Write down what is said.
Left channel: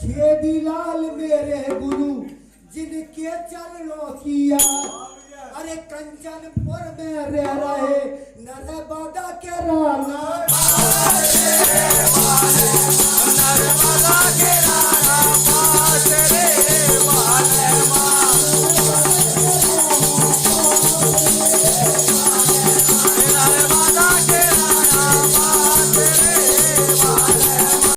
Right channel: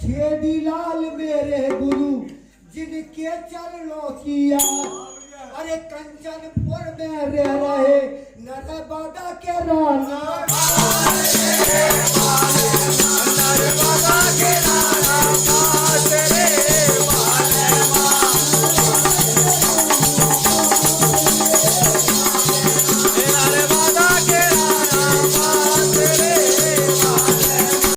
छेदीलाल मेरे गुरु जिनके चरणों किया, अरे कंचनपुर में रह रहे नरबदा के राना।